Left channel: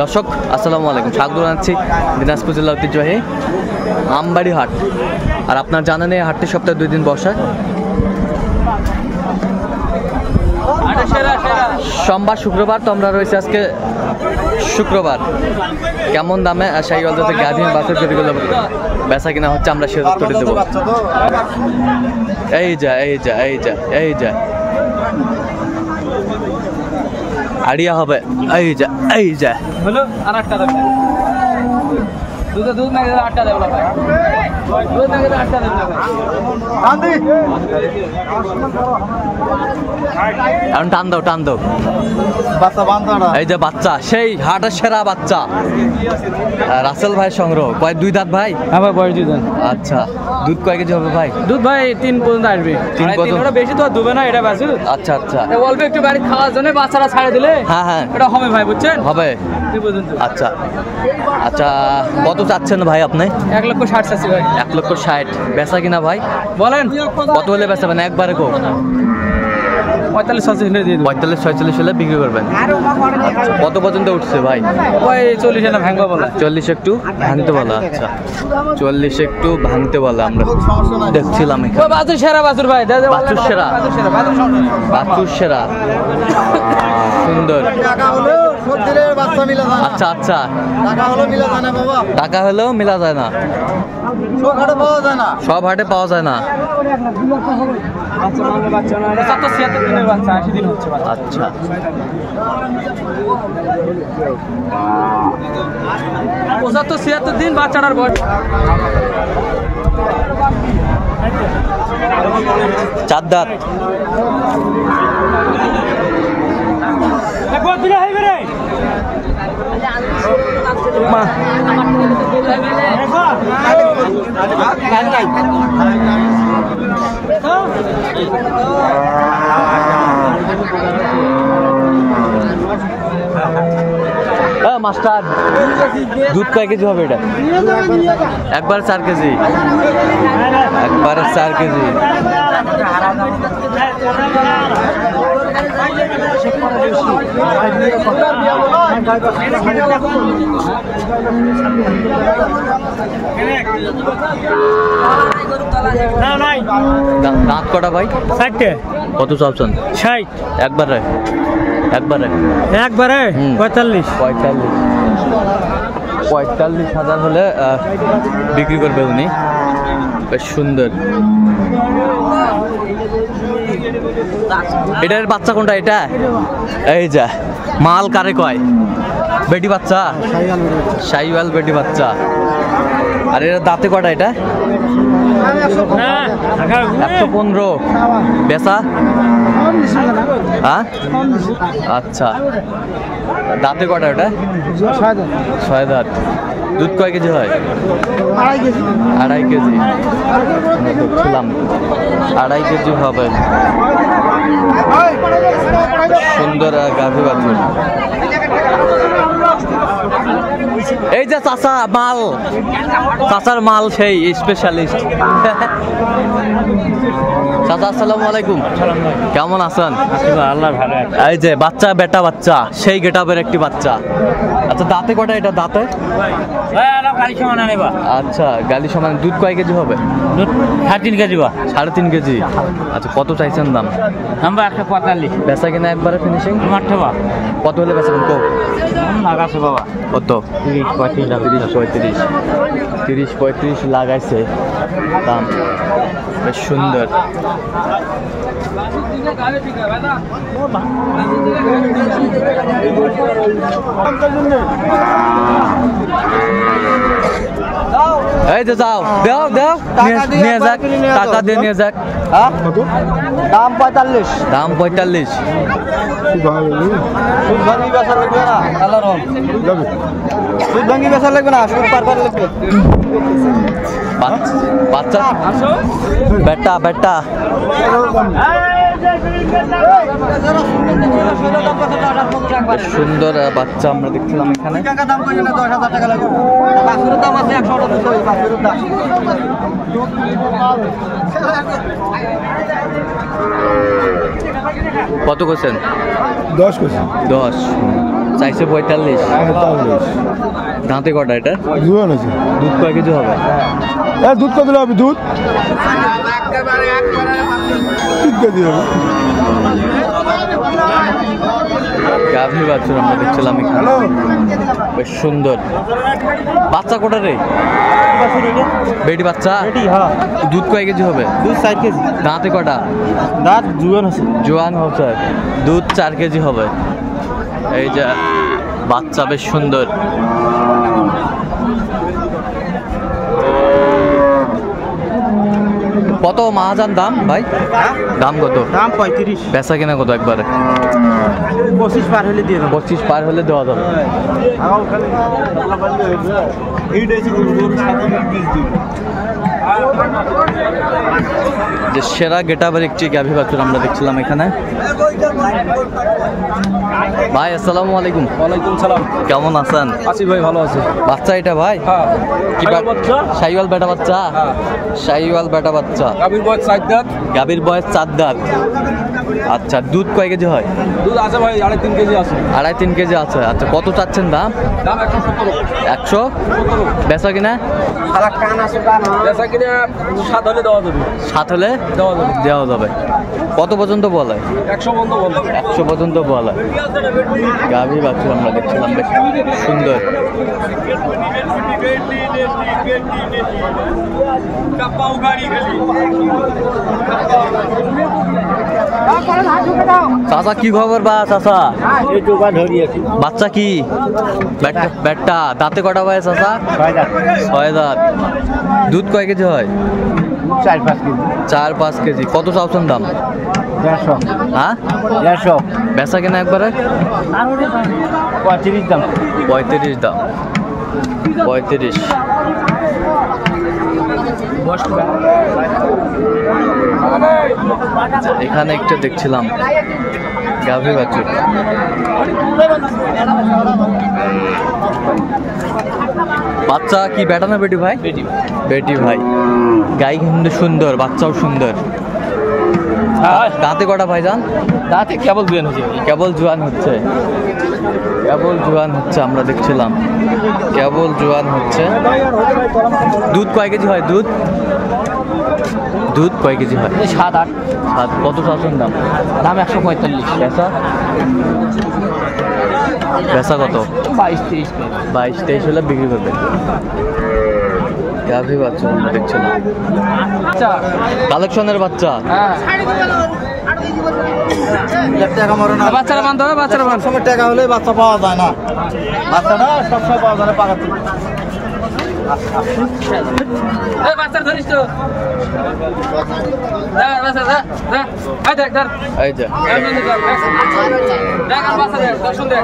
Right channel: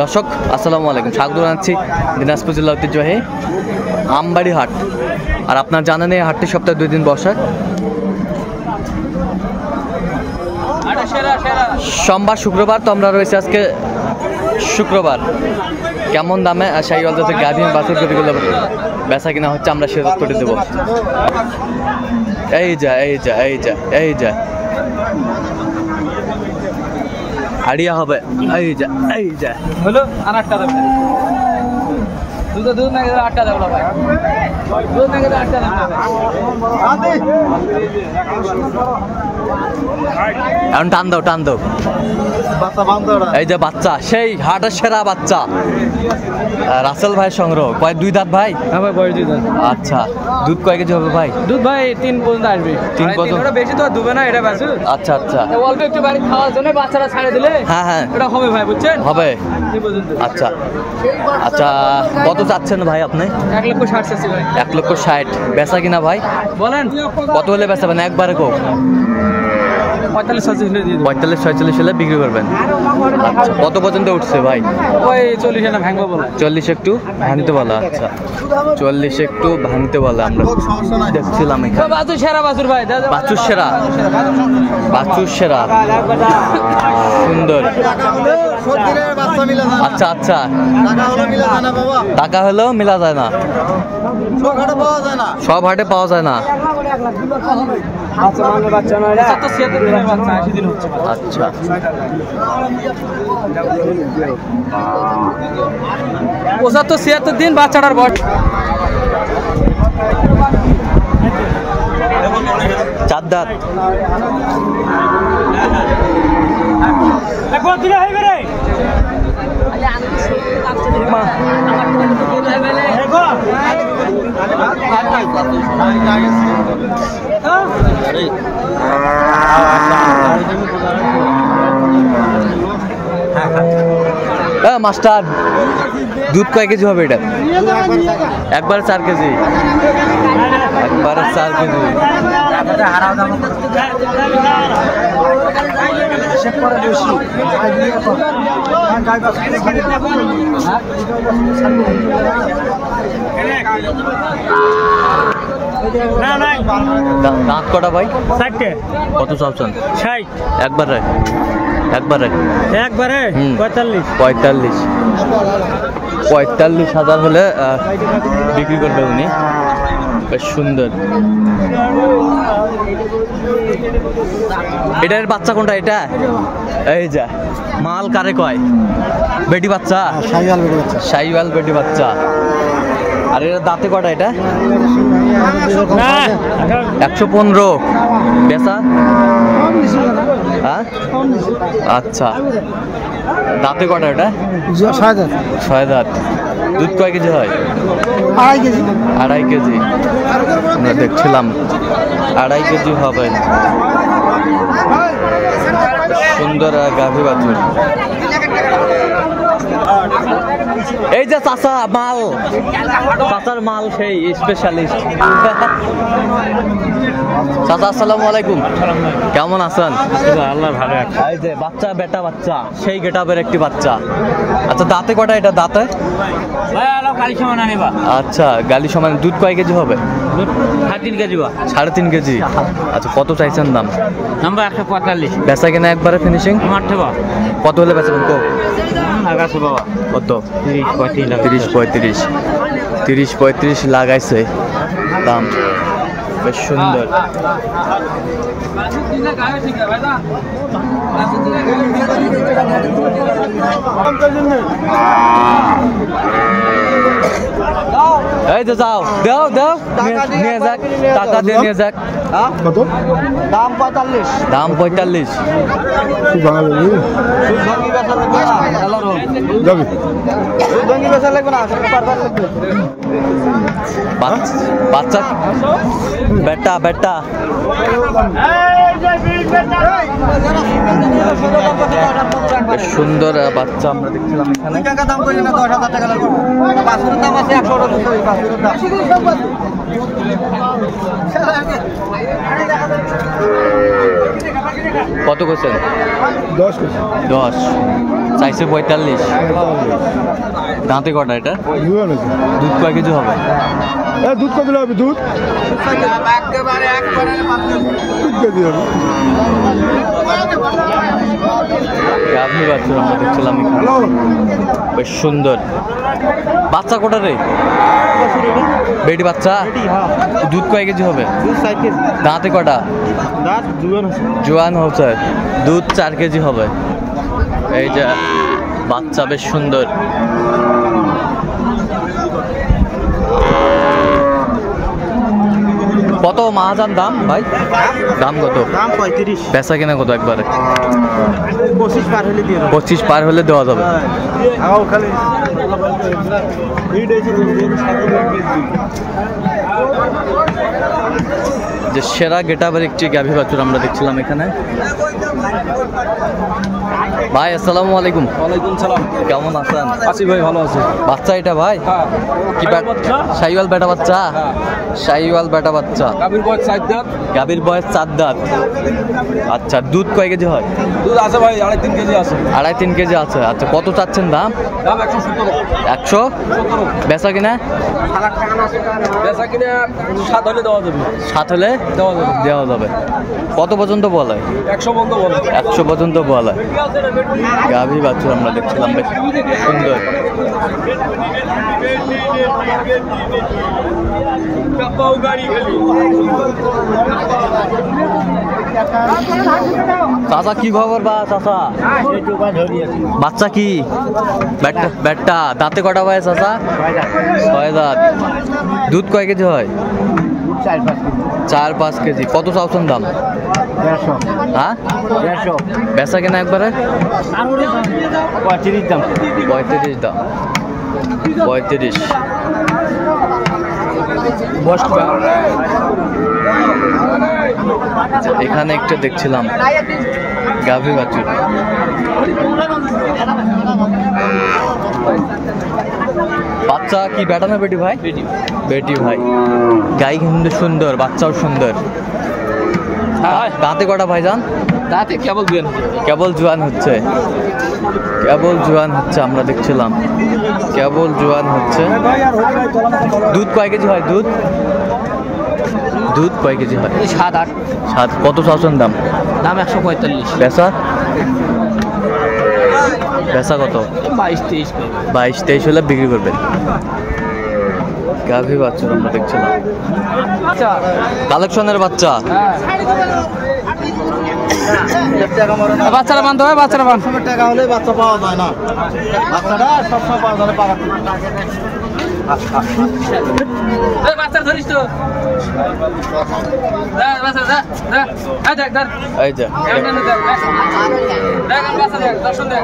দর্শক আসসালামু আলাইকুম, স্বাগত জানাচ্ছি দিনাজপুর জেলা ঐতিহ্যবাহী আমবাড়ি হাট। আর আপনার জানেন এই হাটটি সপ্তাহে 2 দিন বসে, সোমবার শুক্রবার। তো আমরা রয়েছে আজকে শুক্রবার। কেমন দামে শাহিওয়াল জাতের গাভী বাছুর গরুগুলো বেচা কিনা হচ্ছে আমরা সে তথ্যটি দেবো। এই যা এই যা এই যা এই যা আড়িয়া হবে, এই যা এই যা হলো আর 8টা দেব দুধ না 8টা দেব ভাই, দুধ না 8টা দেব আন্দি এখন টান দাও টান দাও। বাচ্চা বান্দা, এই যে বাচ্চা, সেই হাটের সেরা বাচ্চা রাসেল ভাই সংগ্রহ। কয় 2 দাঁত ভাই? হ্যাঁ ভাই, বয়স 2 দাঁত। আচ্ছা, দুধ কয় কেজি হবে ভাই? দুধ ভাই 3 পর্যন্ত আসবে। 3 পর্যন্ত? ওটা বেশি তো দুবে না, এটা বাছুর। আচ্ছা আচ্ছা, অল্প একটু বাড়ি খাওয়ার জন্য বাচ্চারা ছাড়ে দিলে হ্যাঁ হ্যাঁ এটা হবে ভাই, বুঝছেন? হবে। 3 পর্যন্ত। আচ্ছা আচ্ছা, কত চাচ্ছেন ভাই আপনি? 1,60,000 চাচ্ছি ভাই। 1,60,000 বেচা কিনা ভাই বলেন কত হলে বেচাবেন? একবারে কো 45-46 হলে দিয়ে দেব। 45-46 হলে বিক্রি করবেন। আচ্ছা, কত পর্যন্ত উঠছে ভাই? ওই 40 না ভাঙা বলা। 40 একটু ভাঙতে বলা। আচ্ছা, 40 একটু ভাঙতে বলা। আমরা দেখছিলাম এখানে বাছুর সেরা বাছুর ভাই, বাছুর সেরা, বাছুর সেরা, সুন্দর। আচ্ছা আচ্ছা, টাকা হলেও মিলা যায় না, সব হাটে পাওয়া যায় না। আচ্ছা, 75-76 দিন বাচ্চাটার বয়স। 4 দাঁত। মাস্টার, দুধ কয় কেজি হবে এটা? একবারে 4 কেজি, একবারে 4 কেজি। দাঁত কটা ভাই? 4টে। কত চাচ্ছেন? 60। একবারে একবারে একবারে 45,000 হলে বিক্রি করবে উনি। বেশ সুন্দর। এটার বাচ্চা কোনটা? এটা এই যা মাল কারে কয়? বেটি বাচ্চা, শাহিওয়াল বেটি বাচ্চা। আর এর দাঁতে কটা? এটা 115 বেচা। হ্যাঁ আচ্ছা, দাঁতে কটা? ওটা 6 দাঁত। দুধ কয় কেজি হয়? 2.5 কেজি। আমরা দেখছিলাম 2.5 কেজি হবে। সুন্দর গাভী বাছুর। এই যে চাচা মাল, চাচার মাল সেই স্পেশালিস্ট। চাচা আসসালামু আলাইকুম, কেমন আছেন? আল্লাহ ভালো। এই যে বাচ্চা, বেটা বাচ্চা, সেই গেটাপের একটি বাচ্চা। আচ্ছা, দাঁতে কটা? এটা দাঁতে আচ্ছা গালি সমান। দুধ কয় কেজি হবে? 3.5 কেজি। 3.5 কেজি। আচ্ছা, কত চাইছেন দাম? নাম্বার 145। বেচা কিনা একবারে ফিনিশিং? কত হলে বেচাবেন? কো লাগাছে বাবা কত? 30-35 লাগাইছে দাম। বেশ সুন্দর। এই যে যাও, দাও দাও, নিয়ে যাক, টাকা দিয়ে নিয়ে যাক। দাম 45। দাম 45। বাচ্চা বেটা বেটা সুন্দর বাচ্চা আমরা দেখছিলাম এখানে। দাম করি না 10,000 টাকা লাগবে। বাছুরের দাম আছে 100 টাকা। বাছুরের দাম কত করছেন? 10 কেজি 10 চাইছে 45। দাঁতে কটা এটা? জুয়ান আছে। দুধ কয় কেজি হবে? দুধ কত হবে? দুধ 3 কেজি হবে। গাভী বাছুর আমরা দেখছিলাম এখানে, বেশ সুন্দর। বাচ্চা কোটা রে? বেটি বাচ্চা। দুধ কয় কেজি হবে? দুধ 4 কেজি। দাঁতে কটা? দাঁত জুয়ান আছে। জোয়ান হচ্ছে, দুধ 4 কেজি হবে। এই যে বাচ্চা বেশ সুন্দর। কত মাহাজান দাম ভাই? দাম কত? দাম 35। বেচা কিনা কত একবারে? 25 পার হলে দিয়ে দেব। 25 পার হলে দেওয়া যাবে। যে সেরা গেটাবের একটি গাভী বাছুর আমরা দেখছিলাম এখানে। ভাই আসসালামু আলাইকুম। ওয়ালাইকুম সালাম। কেমন আছেন? আছি ভাই, ভালো আছে। বাচ্চা এটা ভাই? হ্যাঁ। কি শাহিওয়াল বেটা বাচ্চা? শাহিওয়াল বেটা বাচ্চা। গাভীর বয়স 4 দাঁত। গাভীর বয়স 4 দাঁত। আচ্ছা, দুধ কয় কেজি হয়? দুধ আছে ভাই 2.5-3 কেজি আছে। 2.5-3 কেজি আছে। আচ্ছা, কত চাচ্ছেন দাম? দাম 117। 117। বেচা কিনা? বেচা কিনা 7 হলে দেওয়া যাবে। 7 হলে দেওয়া যাবে। কত পর্যন্ত বলে? 100 বন্ধ বলে। 100 পর্যন্ত বলে। গাভী বাছুর আমরা দেখছিলাম, বেশ সুন্দর। চাচা কি খবর? বা চাচা বাচ্চা কি? ব্যাটটা দাঁতে কটা বয়স চাচা? 6 দাঁত। দুধ কয় কেজি হয়? 4-5 কেজি। কত চাওছেন দাম? 150। হ্যাঁ, 150। বেচা কিনা একবারে? 35 দাম। 35 দাম। 35। এখানে একটা দেখছিলাম গাভী বাছুর। বাচ্চা কি বেটা না বেটি ভাই? বেটি ভাই। গাই কিন্তু সুন্দর, বাচ্চাও সুন্দর। দাঁতে কটা ভাইজান? দাঁতে কেবল জুয়ান হচ্ছে। কেবল জোয়ান হচ্ছে। কেবল জোয়ান হচ্ছে আমরা দেখছিলাম, কেবল জোয়ান হচ্ছে। দুধ কয় কেজি হয়? দুধ কয় কেজি হয়? 7-8। 7। কত চাচ্ছেন দাম? দাম 145। বেচা? বেচা কত? 22-23। 22-23 হলে বিক্রি করবেন। গাভী বাছুর আমরা দেখছিলাম, কালেকশনের বাচ্চা। বাচ্চারা বানতে হবে, বাচ্চারা বান। সবের টাকা হলে বাচ্চা পাওয়া যায় না। বাচ্চাটা সবসময় পাওয়া যায় পাকা। বাচ্চা ধরিস তো। এই যে দর্শন দেখ।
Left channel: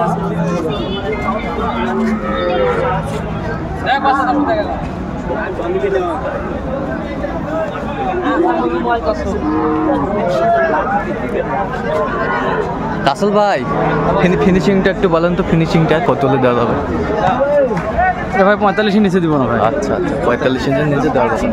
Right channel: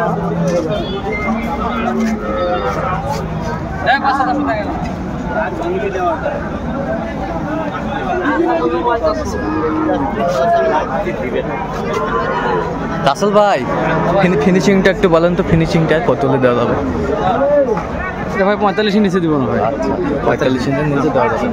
বাচ্চা দর্শন দেখ। রাসেল ভাই, ফিনিশিংটা একটু বলেন তো, ফিনিশিংটা কত হলে দেওয়া যাবে? ভাই 45 নিচে দিব না ভাই। আচ্ছা, 45 ইঞ্চের নিচে দেওয়া যাবে।